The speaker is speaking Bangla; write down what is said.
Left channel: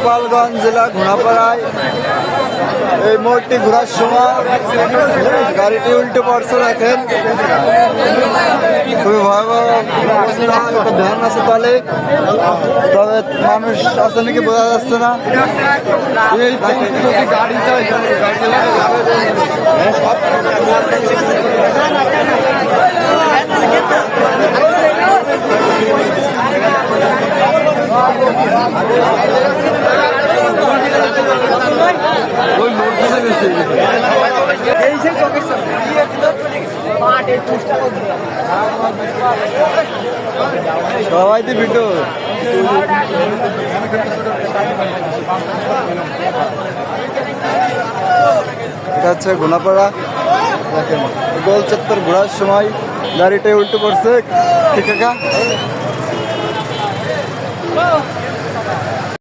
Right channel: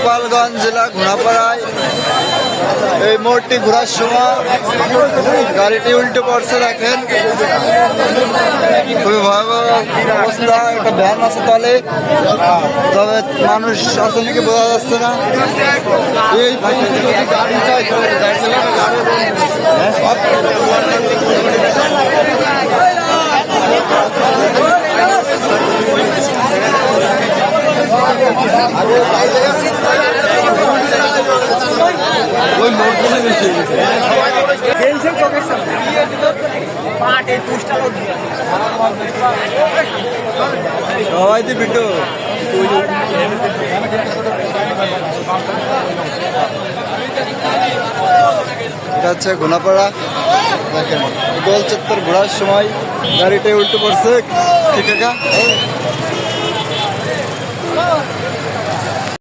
গোপালগঞ্জ জেলা ঘোড়াপাড়ায় এই মোড়টি ঘোরার সময় গাড়িটি উল্টে পড়ছে। দেখেন খুবই ভয়াবহ অবস্থা। একটা ভ্যান আছে তলে, তবে মানুষ আছে নাকি বোঝা যাচ্ছে না। এই গাড়ি চাই ওই লোড মনে বেশি সবাই তো ভিডিও। এটা হচ্ছে ঘোনাপাড়া। দেখেন গোল চত্বর ঘোরার সময় গাড়িটাই উল্টে পড়ছে। ঠিক আছে।